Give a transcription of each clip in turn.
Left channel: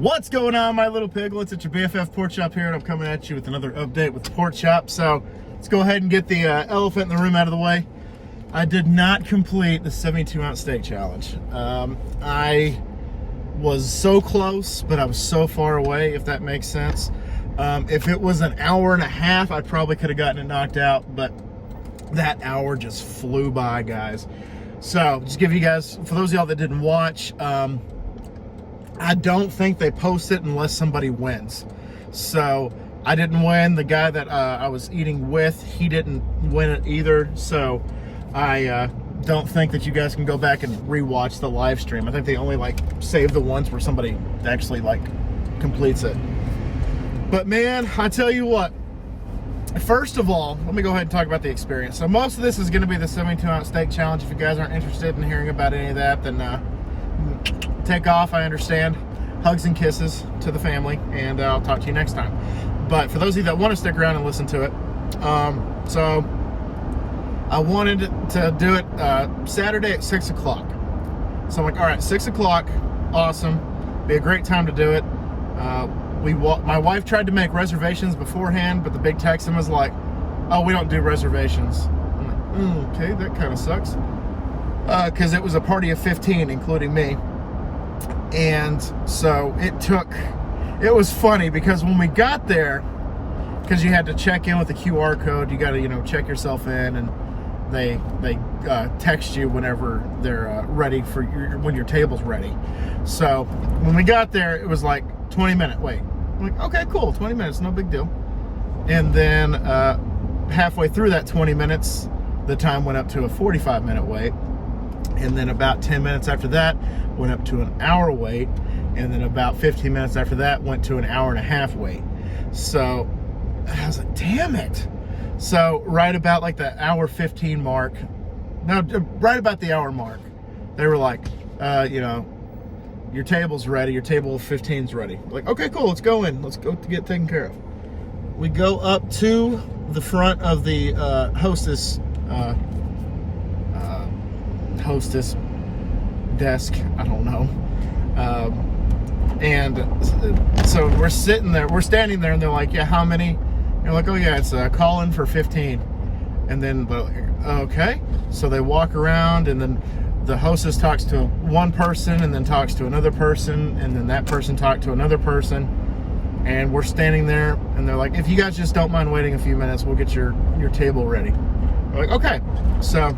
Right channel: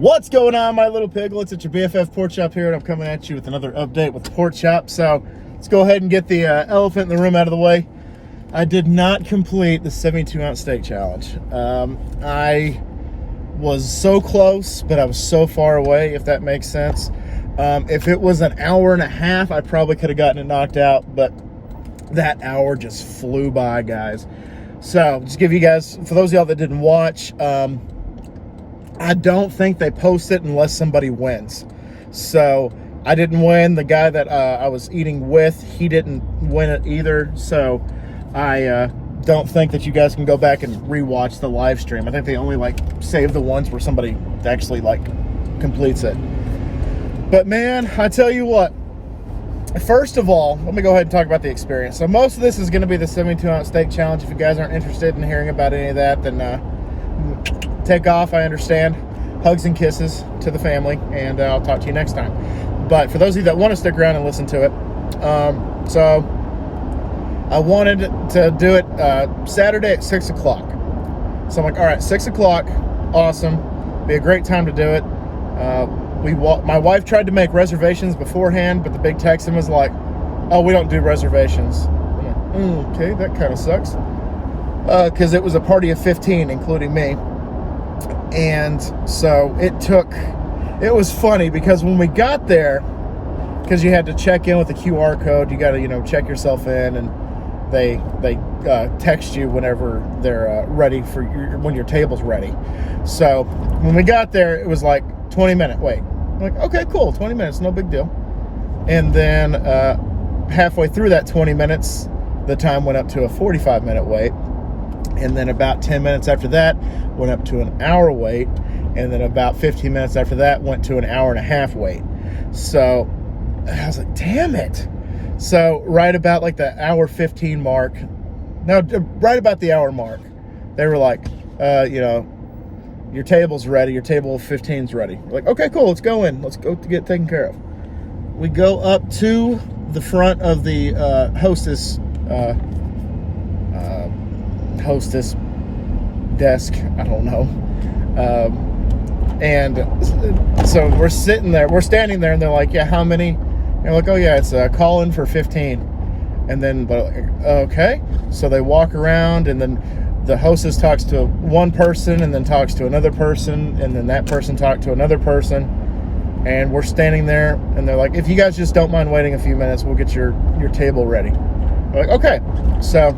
What's going on, my little piglets? It's your BFF Pork Chop here, and I'm coming at you with another update with the Pork Chop. So let's go ahead and get the elephant in the room out of the way. I did not complete the 72-ounce steak challenge. I was so close, but I was so far away, if that makes sense. If it was an hour and a half, I probably could have gotten it knocked out, but that hour just flew by, guys. So just give you guys, for those of y'all that didn't watch, I don't think they post it unless somebody wins. So I didn't win. The guy that I was eating with, he didn't win it either. So I don't think that you guys can go back and rewatch the live stream. I think they only save the ones where somebody actually completes it. But man, I tell you what, first of all, let me go ahead and talk about the experience. So most of this is going to be the 72-ounce steak challenge. If you guys aren't interested in hearing about any of that, then take off. I understand. Hugs and kisses to the family, and I'll talk to you next time. But for those of you that want to stick around and listen to it, so I wanted to do it Saturday at 6 o'clock. So I'm like, all right, 6 o'clock, awesome. Be a great time to do it. My wife tried to make reservations beforehand, but the big Texan was like, oh, we don't do reservations. I'm like, okay, that kind of sucks. Because it was a party of 15, including me. And so it was funny because when we got there, because you had to check in with the QR code, you got to, check yourself in, and they text you whenever they're ready for when your table's ready. So when we got there, it was like 20-minute wait. I'm like, okay, cool, 20 minutes, no big deal. And then halfway through that 20 minutes, the time went up to a 45-minute wait. And then about 10 minutes after that, went up to an hour wait. And then about 15 minutes after that, went to an hour and a half wait. So I was like, damn it. So right about the hour 15 mark, no, right about the hour mark, they were like, your table's ready, your table 15's ready. We're like, okay, cool, let's go in. Let's go to get taken care of. We go up to the front of the hostess desk, I don't know. And so we're standing there, and they're like, yeah, how many? And they're like, oh yeah, it's a call-in for 15. And then they're like, okay. So they walk around, and then the hostess talks to one person, and then talks to another person, and then that person talked to another person. And we're standing there, and they're like, if you guys just don't mind waiting a few minutes, we'll get your table ready. We're like, okay. So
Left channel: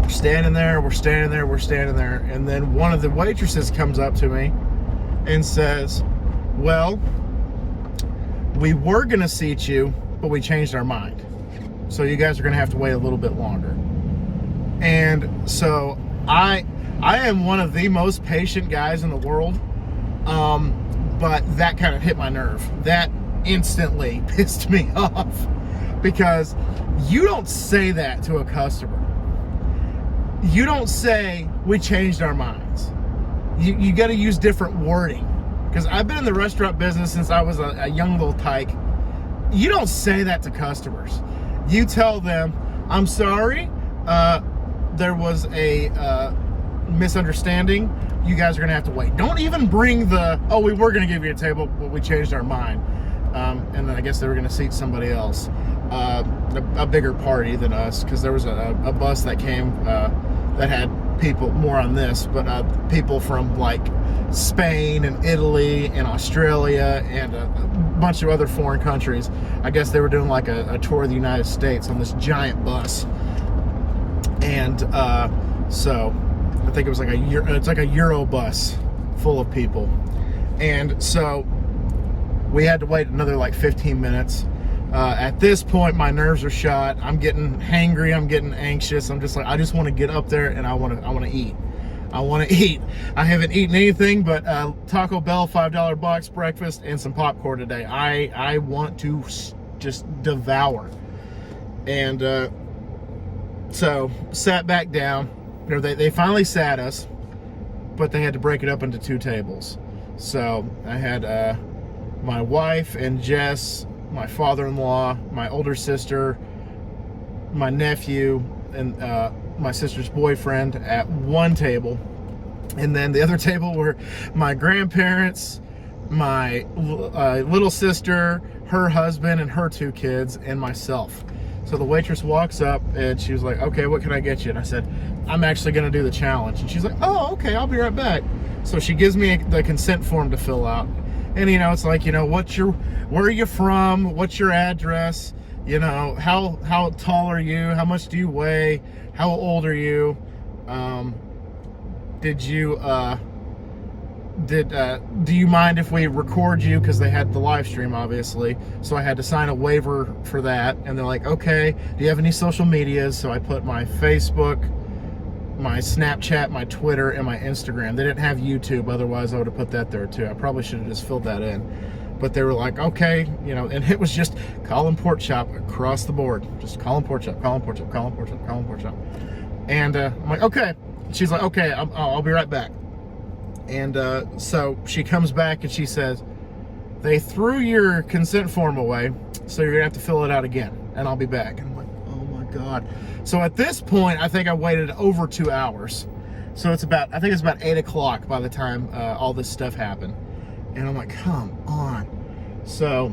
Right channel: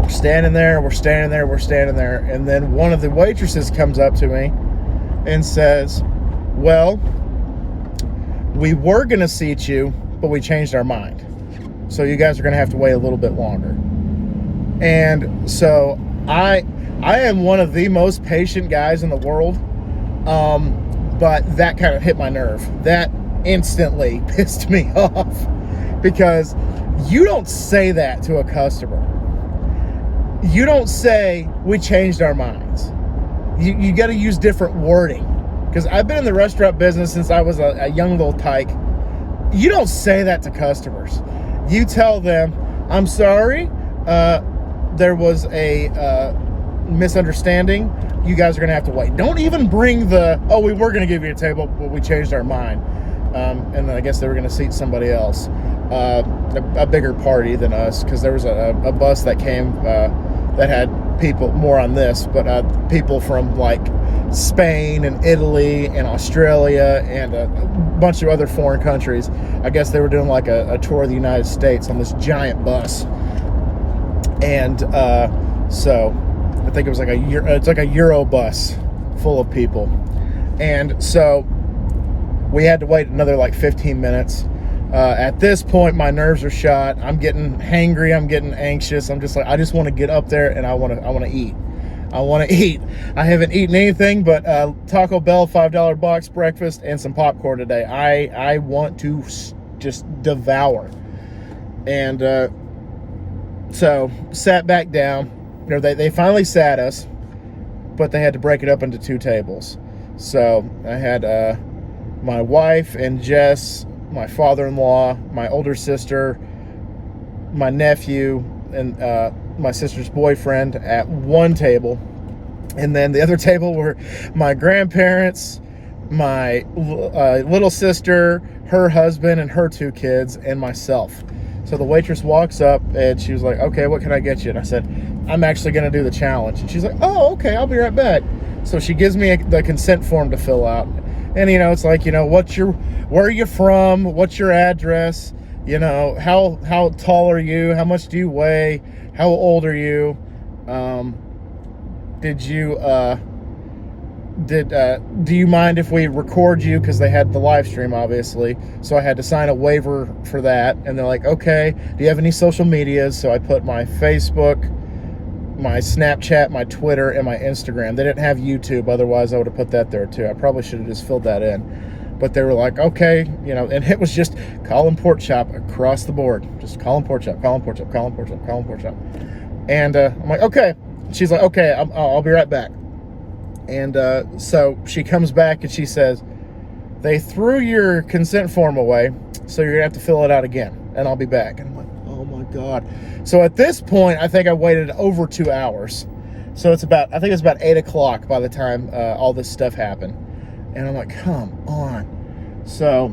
we're standing there, and then one of the waitresses comes up to me and says, well, we were going to seat you, but we changed our mind. So you guys are going to have to wait a little bit longer. And so I am one of the most patient guys in the world, but that kind of hit my nerve. That instantly pissed me off, because you don't say that to a customer. You don't say, we changed our minds. You got to use different wording. Because I've been in the restaurant business since I was a young little tyke. You don't say that to customers. You tell them, I'm sorry, there was a misunderstanding. You guys are going to have to wait. Don't even bring oh, we were going to give you a table, but we changed our mind. And then I guess they were going to seat somebody else. A bigger party than us, because there was a bus that came that had people, more on this, but people from Spain and Italy and Australia and a bunch of other foreign countries. I guess they were doing a tour of the United States on this giant bus. And so I think it was it's like a Euro bus full of people. And so we had to wait another 15 minutes. At this point, my nerves are shot. I'm getting hangry. I'm getting anxious. I'm just I just want to get up there, and I want to eat. I want to eat. I haven't eaten anything but Taco Bell $5 box breakfast and some popcorn today. I want to just devour. And so sat back down. They finally sat us, but they had to break it up into 2 tables. So I had my wife and Jess, my father-in-law, my older sister, my nephew, and my sister's boyfriend at one table. And then the other table were my grandparents, my little sister, her husband, and her 2 kids, and myself. So the waitress walks up and she was like, okay, what can I get you? And I said, I'm actually going to do the challenge. And she's like, oh, okay, I'll be right back. So she gives me the consent form to fill out. And, you know, it's like, you know, where are you from? What's your address? You know, how tall are you? How much do you weigh? How old are you? Do you mind if we record you? Because they had the live stream, obviously. So I had to sign a waiver for that. And they're like, okay, do you have any social medias? So I put my Facebook, my Snapchat, my Twitter, and my Instagram. They didn't have YouTube. Otherwise, I would have put that there too. I probably should have just filled that in. But they were like, okay, you know, and it was just Colin Pork Chop across the board. Just Colin Pork Chop, Colin Pork Chop, Colin Pork Chop, Colin Pork Chop. And I'm like, okay. She's like, okay, I'll be right back. And so she comes back and she says, they threw your consent form away, so you're gonna have to fill it out again, and I'll be back. And I'm like, oh my God. So at this point, I think I waited over 2 hours. So I think it's about 8 o'clock by the time all this stuff happened. And I'm like, come on. So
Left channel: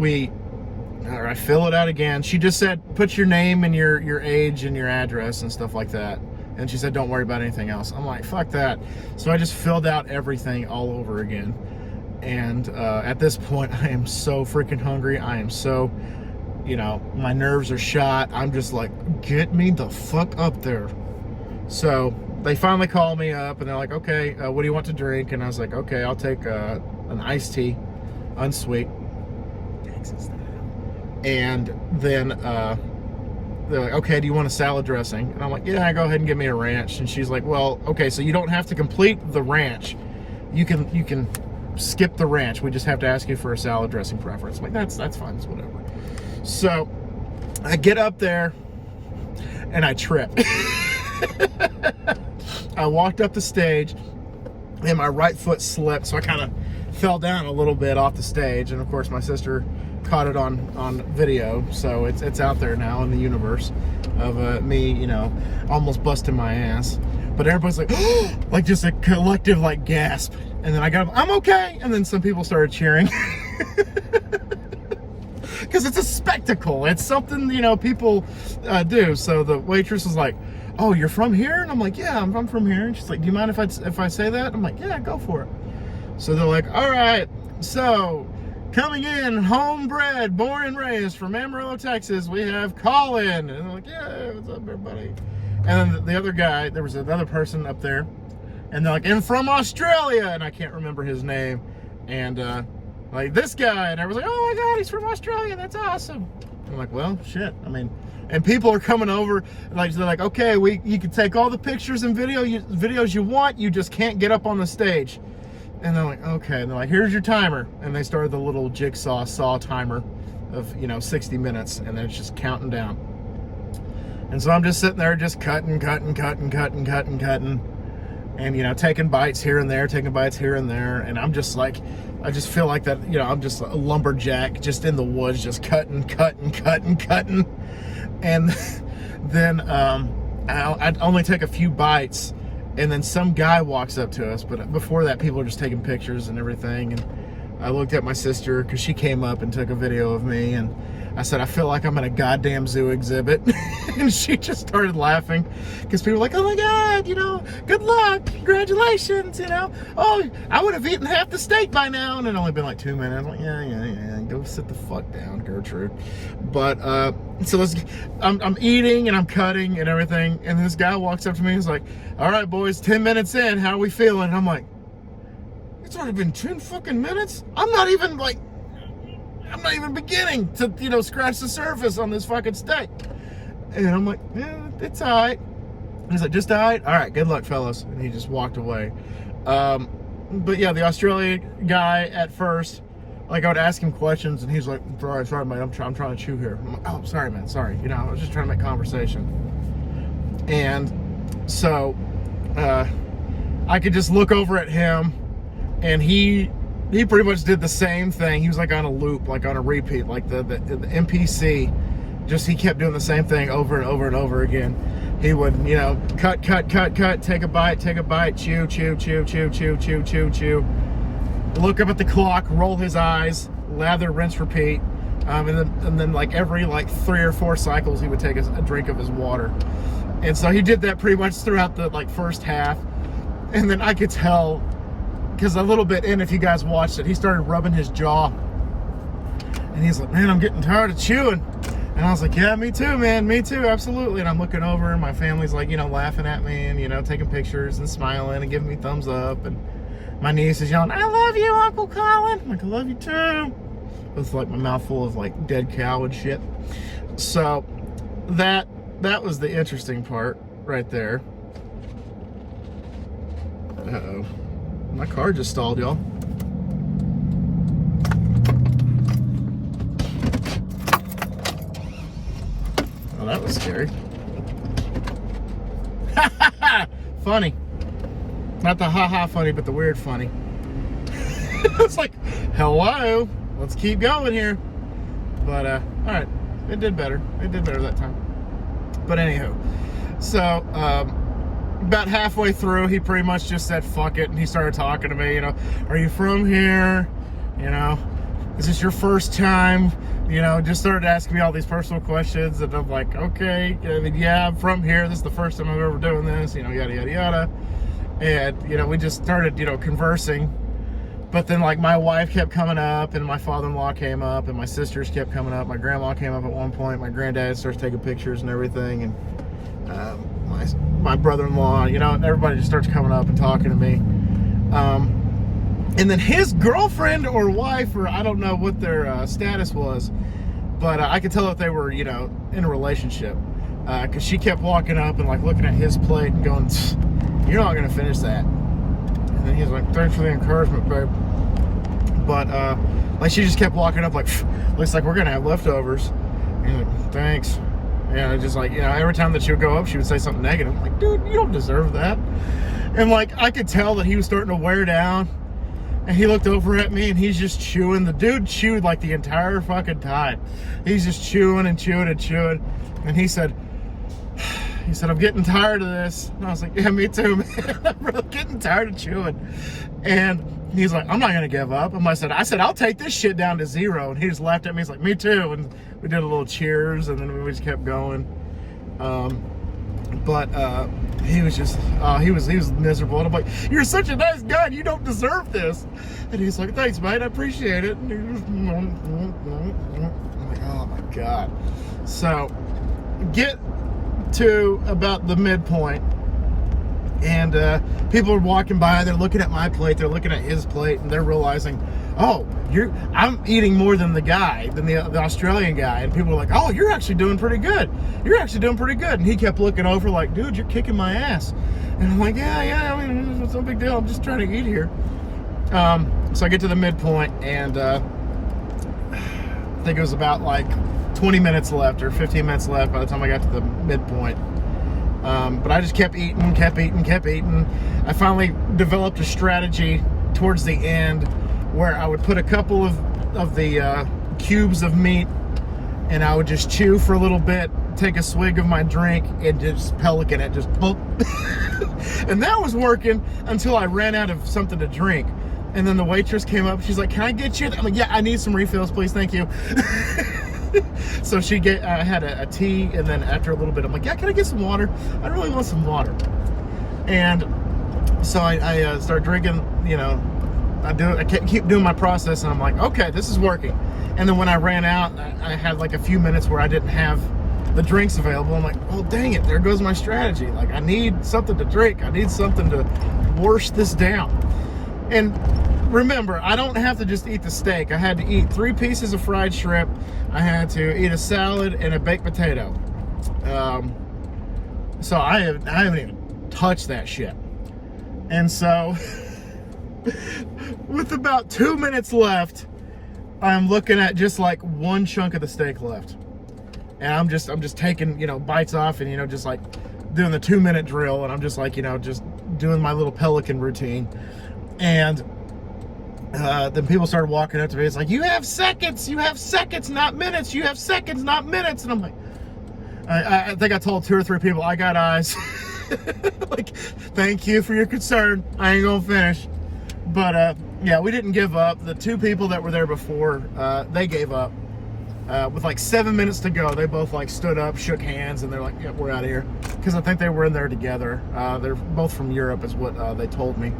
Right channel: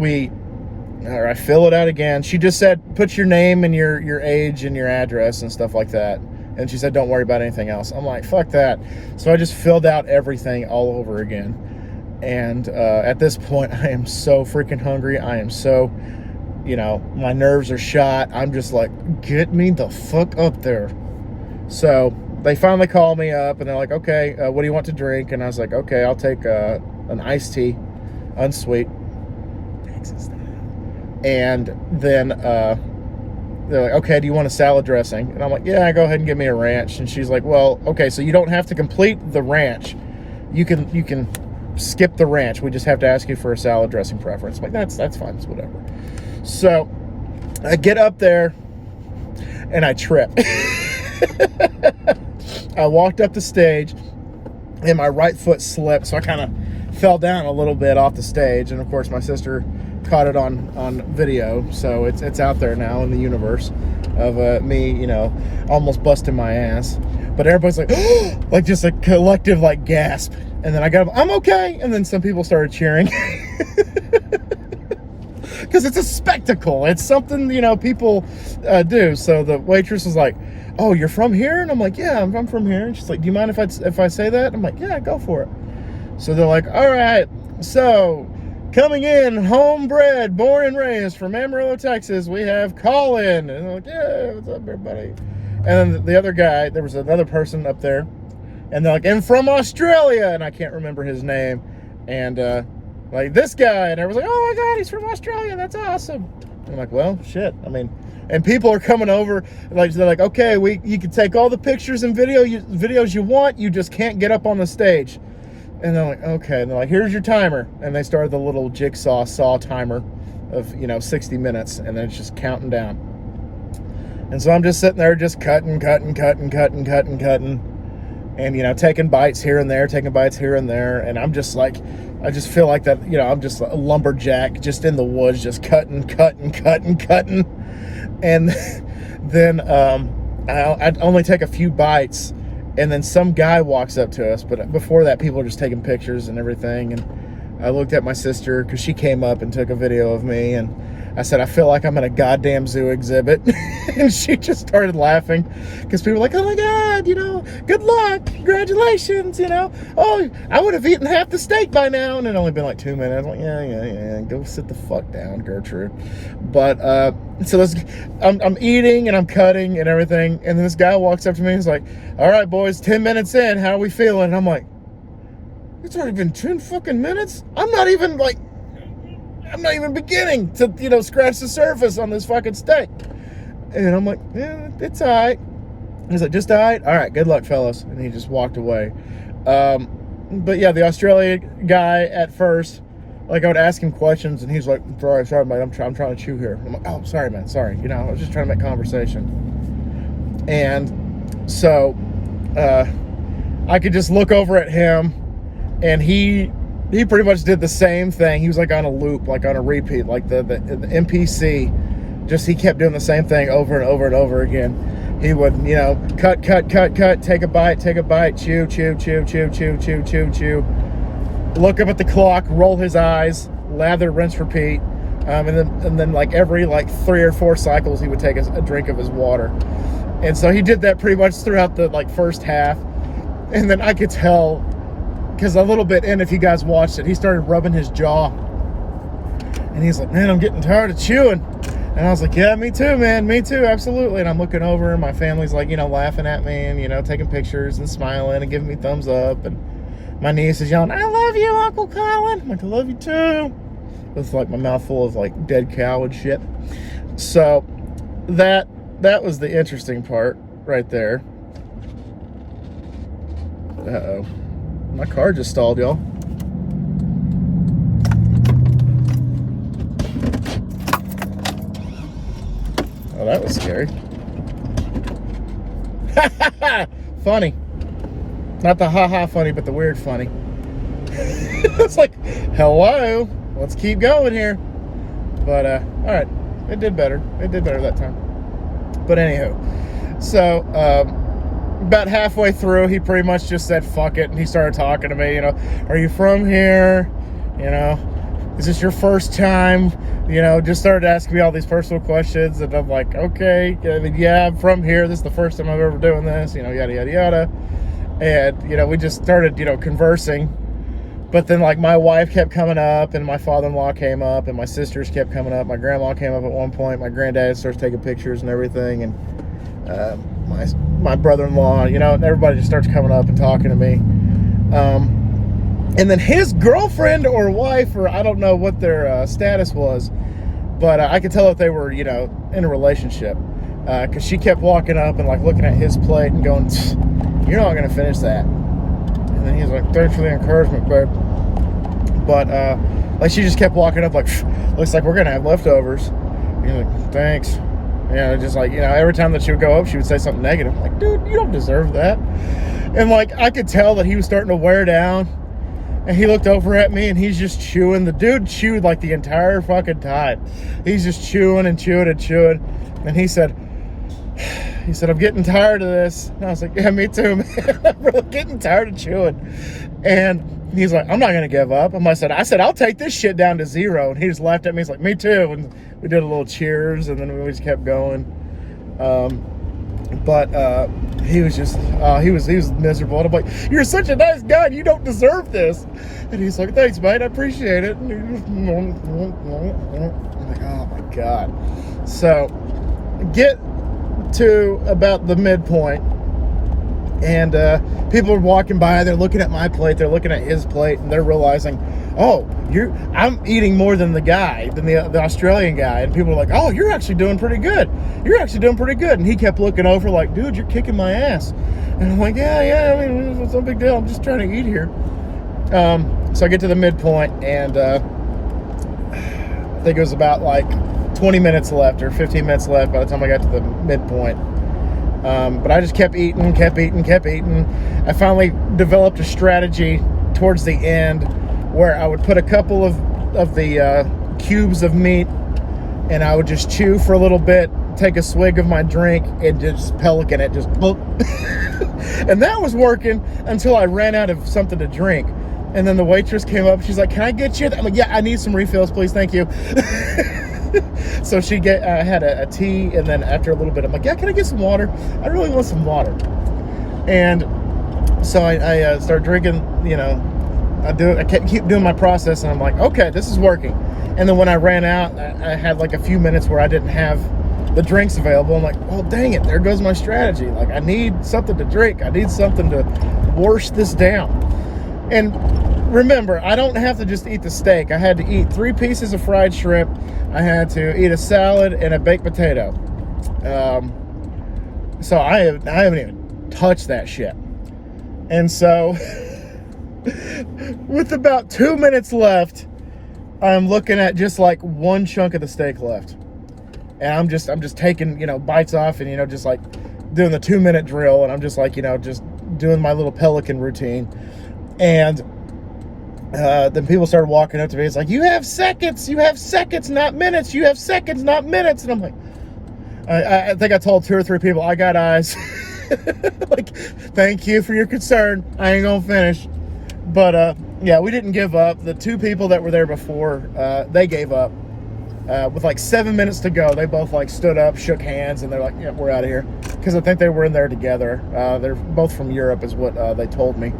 I fill it out again. She just said, put your name and your age and your address and stuff like that. And she said, don't worry about anything else. I'm like, fuck that. So I just filled out everything all over again. And at this point, I am so freaking hungry. I am so, you know, my nerves are shot. I'm just like, get me the fuck up there. So they finally call me up and they're like, okay, what do you want to drink? And I was like, okay, I'll take an iced tea, unsweet. And then they're like, okay, do you want a salad dressing? And I'm like, yeah, go ahead and give me a ranch. And she's like, well, okay, so you don't have to complete the ranch. You can skip the ranch. We just have to ask you for a salad dressing preference. I'm like, that's fine, it's whatever. So I get up there and I trip. I walked up the stage and my right foot slipped, so I kind of fell down a little bit off the stage. And of course my sister caught it on video, so it's out there now in the universe of me, you know, almost busting my ass. But everybody's like, like just a collective like gasp. And then I got up, I'm okay. And then some people started cheering. Because it's a spectacle. It's something, you know, people do. So the waitress was like, oh, you're from here? And I'm like, yeah, I'm from here. And she's like, do you mind if I say that? I'm like, yeah, go for it. So they're like, all right, so coming in, homebred, born and raised from Amarillo, Texas, we have Colin. And I'm like, yeah, what's up, everybody? And then the other guy, there was another person up there, and they're like, and from Australia, and I can't remember his name. And like this guy, and everyone's like, oh my God, he's from Australia, that's awesome. And I'm like, well, shit. I mean, and people are coming over, like they're like, okay, you can take all the pictures and videos you want, you just can't get up on the stage. And I'm like, okay. And they're like, here's your timer. And they started the little jigsaw saw timer of, you know, 60 minutes. And then it's just counting down. And so I'm just sitting there just cutting. And, you know, taking bites here and there, And I'm just like, I just feel like that, you know, I'm just a lumberjack just in the woods, just cutting. And then I'd only take a few bites. And then some guy walks up to us, but before that, people are just taking pictures and everything. And I looked at my sister because she came up and took a video of me. And I said, I feel like I'm in a goddamn zoo exhibit. And she just started laughing because people were like, oh my God, you know, good luck, congratulations, you know. Oh, I would have eaten half the steak by now. And it only been like 2 minutes. I'm like, yeah, go sit the fuck down, Gertrude. But so I'm eating and I'm cutting and everything. And then this guy walks up to me and he's like, all right, boys, 10 minutes in, how are we feeling? And I'm like, it's already been 10 fucking minutes? I'm not even beginning to, you know, scratch the surface on this fucking steak. And I'm like, yeah, it's all right. He's like, just all right? All right, good luck, fellas. And he just walked away. But yeah, the Australia guy at first, like I would ask him questions and he's like, sorry, man, I'm trying to chew here. I'm like, oh, sorry, man, sorry. You know, I was just trying to make conversation. And so I could just look over at him and he pretty much did the same thing. He was like on a loop, like on a repeat, like the NPC. Just he kept doing the same thing over and over again. He would, you know, cut, take a bite, chew. look up at the clock, roll his eyes, lather, rinse, repeat. And then like every like 3 or 4 cycles, he would take a drink of his water. And so he did that pretty much throughout the like first half. And then I could tell, because a little bit in, if you guys watched it, he started rubbing his jaw. And he's like, man, I'm getting tired of chewing. And I was like, yeah, me too, man, me too, absolutely. And I'm looking over and my family's like, you know, laughing at me and, you know, taking pictures and smiling and giving me thumbs up. And my niece is yelling, I love you, Uncle Colin. I'm like, I love you too. With like my mouth full of like dead cow and shit. So that was the interesting part right there. Uh-oh. My car just stalled, y'all. Oh, that was scary. Funny. Not the ha-ha funny, but the weird funny. It's like, hello, let's keep going here. But, all right, it did better. It did better that time. But anyhow, so, about halfway through, he pretty much just said, fuck it, and he started talking to me, you know, are you from here? You know, is this your first time? You know, just started asking me all these personal questions, and I'm like, okay, I mean, yeah, I'm from here. This is the first time I've ever doing this, you know, yada, yada, yada. And, you know, we just started, you know, conversing. But then, like, my wife kept coming up, and my father-in-law came up, and my sisters kept coming up. My grandma came up at one point. My granddad starts taking pictures and everything, and my brother-in-law, you know, and everybody just starts coming up and talking to me. And then his girlfriend or wife, or I don't know what their status was, but I could tell if they were, you know, in a relationship, because she kept walking up and like looking at his plate and going, you're not gonna finish that. And then he's like, thanks for the encouragement, babe. But like she just kept walking up like, looks like we're gonna have leftovers. And he's like, thanks. You know, just like, you know, every time that she would go up, she would say something negative. I'm like, dude, you don't deserve that. And like I could tell that he was starting to wear down. And he looked over at me and he's just chewing. The dude chewed like the entire fucking time. He's just chewing and chewing and chewing. And he said, I'm getting tired of this. And I was like, yeah, me too, man. I'm really getting tired of chewing. And he's like, I'm not going to give up. And I said, I'll take this shit down to 0. And he just laughed at me. He's like, me too. And we did a little cheers and then we just kept going. But he was just, he was miserable. And I'm like, you're such a nice guy. You don't deserve this. And he's like, thanks, mate. I appreciate it. And he just, I'm like, oh my God. So get to about the midpoint. And people are walking by. They're looking at my plate. They're looking at his plate. And they're realizing, oh, I'm eating more than the Australian guy. And people are like, oh, you're actually doing pretty good. You're actually doing pretty good. And he kept looking over like, dude, you're kicking my ass. And I'm like, yeah, I mean, it's no big deal. I'm just trying to eat here. So I get to the midpoint, and I think it was about like 20 minutes left or 15 minutes left by the time I got to the midpoint. But I just kept eating. I finally developed a strategy towards the end where I would put a couple of the cubes of meat, and I would just chew for a little bit, take a swig of my drink, and just pelican it, just and that was working until I ran out of something to drink. And then the waitress came up, she's like, can I get you? I'm like, yeah, I need some refills, please, thank you. So she had a tea, and then after a little bit, I'm like, yeah, can I get some water? I really want some water. And so I start drinking, you know, I keep doing my process, and I'm like, okay, this is working. And then when I ran out, I had like a few minutes where I didn't have the drinks available. I'm like, oh, dang it, there goes my strategy. Like, I need something to drink. I need something to wash this down. And remember, I don't have to just eat the steak. I had to eat 3 pieces of fried shrimp. I had to eat a salad and a baked potato. So I haven't even touched that shit. And so with about 2 minutes left, I'm looking at just like 1 chunk of the steak left. And I'm just taking, you know, bites off and, you know, just like doing the 2-minute drill. And I'm just like, you know, just doing my little pelican routine. And then people started walking up to me. It's like, you have seconds, not minutes. You have seconds, not minutes. And I'm like, I think I told 2 or 3 people, I got eyes. Like, thank you for your concern. I ain't gonna finish. But Yeah, we didn't give up. The two people that were there before, they gave up. With like 7 minutes to go, they both like stood up, shook hands, and they're like, "Yeah, we're out of here." Because I think they were in there together. They're both from Europe, is what they told me.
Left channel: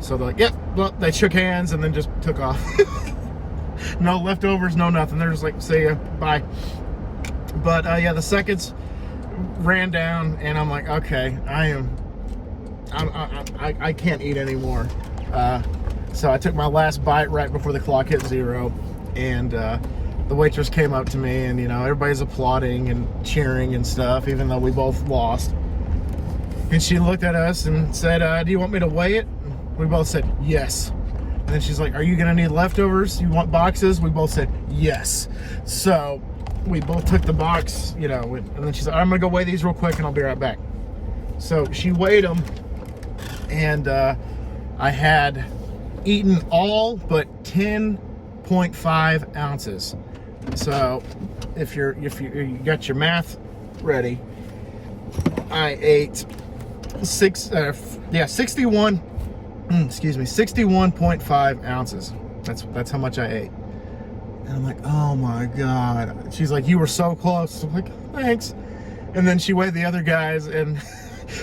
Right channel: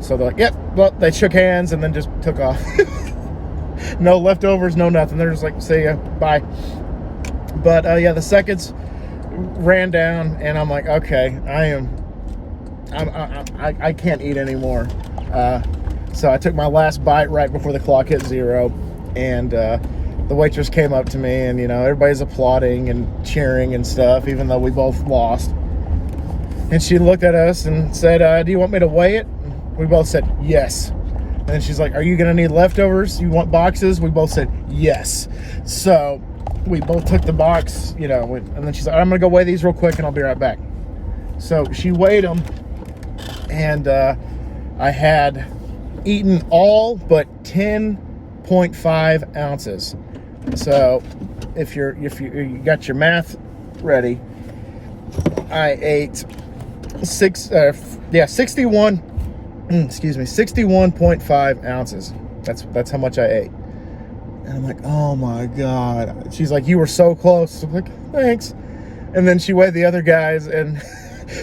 So they're like, "Yep." Well, they shook hands and then just took off. No leftovers, no nothing. They're just like, "See ya, bye." But yeah, the seconds ran down, and I'm like, "Okay, I can't eat anymore." So I took my last bite right before the clock hit 0, and the waitress came up to me, and everybody's applauding and cheering and stuff, even though we both lost. And she looked at us and said, "Do you want me to weigh it?" We both said yes. And then she's like, "Are you gonna need leftovers? You want boxes?" We both said yes. So we both took the box, and then she's like, "I'm gonna go weigh these real quick and I'll be right back." So she weighed them, and I had eaten all but 10.5 ounces. So if you got your math ready, I ate 61.5 ounces. That's how much I ate. And I'm like, "Oh my God." She's like, "You were so close." I'm like, "Thanks." And then she weighed the other guys, and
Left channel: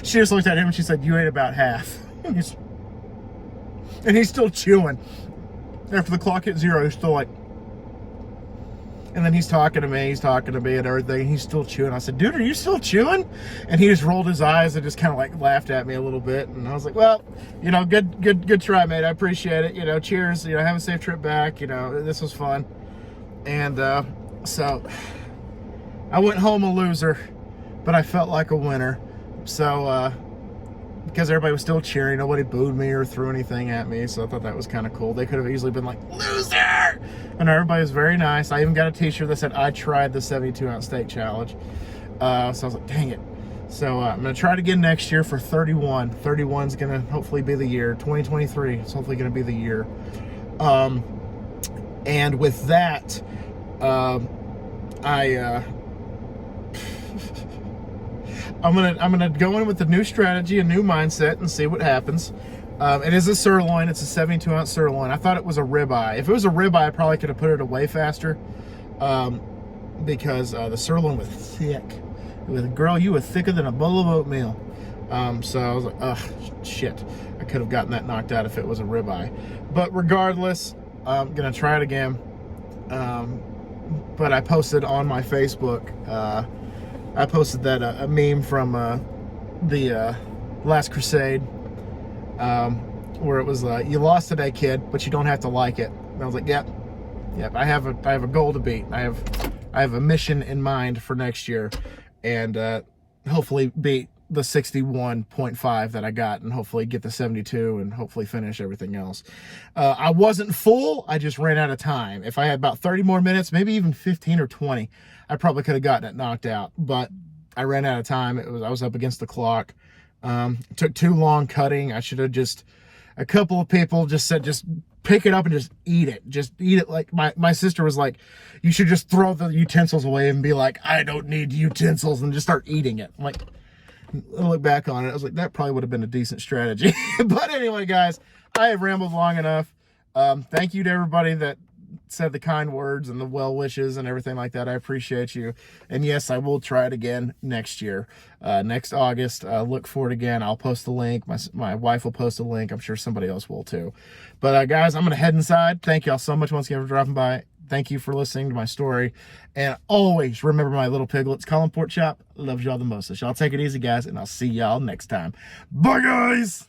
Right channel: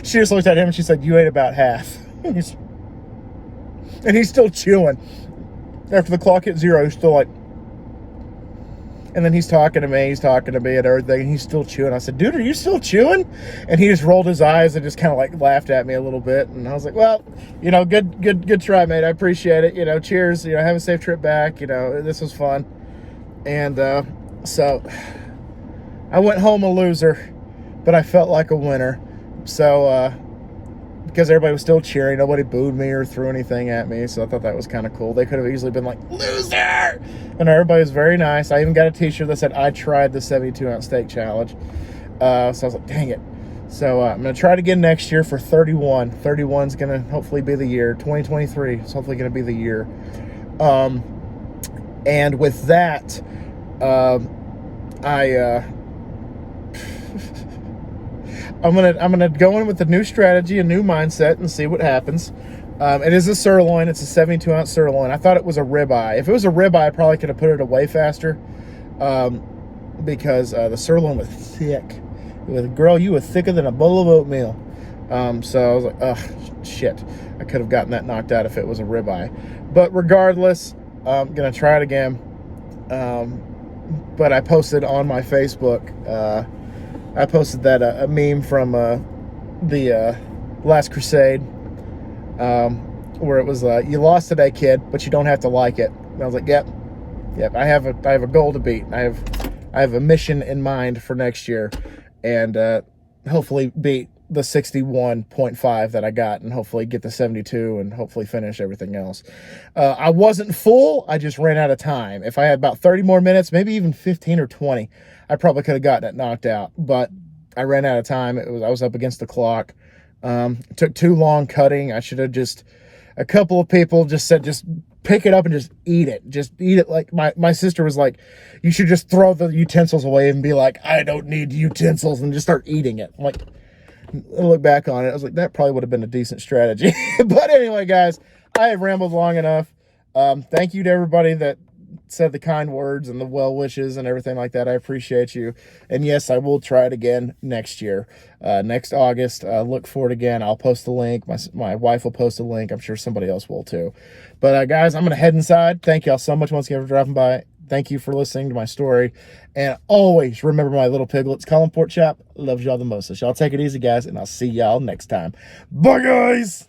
she just looked at him and she said, "You ate about half." And he's still chewing. After the clock hit 0, he's still like, and then he's talking to me and everything, and he's still chewing. I said, "Dude, are you still chewing?" And he just rolled his eyes and just kind of like laughed at me a little bit. And I was like, "Well, good try, mate. I appreciate it. Cheers. Have a safe trip back. This was fun." And so I went home a loser, but I felt like a winner. So because everybody was still cheering, nobody booed me or threw anything at me, so I thought that was kind of cool. They could have easily been like, "Loser!" And everybody was very nice. I even got a t-shirt that said, "I tried the 72-ounce steak challenge." So I was like, dang it. So I'm going to try it again next year for 31. 31's going to hopefully be the year. 2023 is hopefully going to be the year. And with that, I'm gonna go in with a new strategy, a new mindset, and see what happens. It is a sirloin. It's a 72-ounce sirloin. I thought it was a ribeye. If it was a ribeye, I probably could have put it away faster, because the sirloin was thick. Girl, you were thicker than a bowl of oatmeal. So I was like, "Ugh, shit." I could have gotten that knocked out if it was a ribeye. But regardless, I'm gonna try it again. But I posted on my Facebook. I posted that a meme from the Last Crusade, where it was "You lost today, kid, but you don't have to like it." And I was like, "Yep. I have a goal to beat. I have a mission in mind for next year, and hopefully beat the 61.5 that I got, and hopefully get the 72, and hopefully finish everything else." I wasn't full. I just ran out of time. If I had about 30 more minutes, maybe even 15 or 20, I probably could have gotten it knocked out. But I ran out of time. I was up against the clock. It took too long cutting. I should have a couple of people just said, "Just pick it up and just eat it. Just eat it." Like my sister was like, "You should just throw the utensils away and be like, 'I don't need utensils,' and just start eating it." I'm like, I look back on it, I was like, that probably would have been a decent strategy. But anyway, guys, I have rambled long enough. Thank you to everybody that said the kind words and the well wishes and everything like that. I appreciate you. And yes, I will try it again next year, next August. Look for it again. I'll post the link. My wife will post a link. I'm sure somebody else will too. But guys, I'm going to head inside. Thank y'all so much once again for dropping by. Thank you for listening to my story. And always remember my little piglets, Colin Pork Chop loves y'all the most. So y'all take it easy, guys, and I'll see y'all next time. Bye, guys.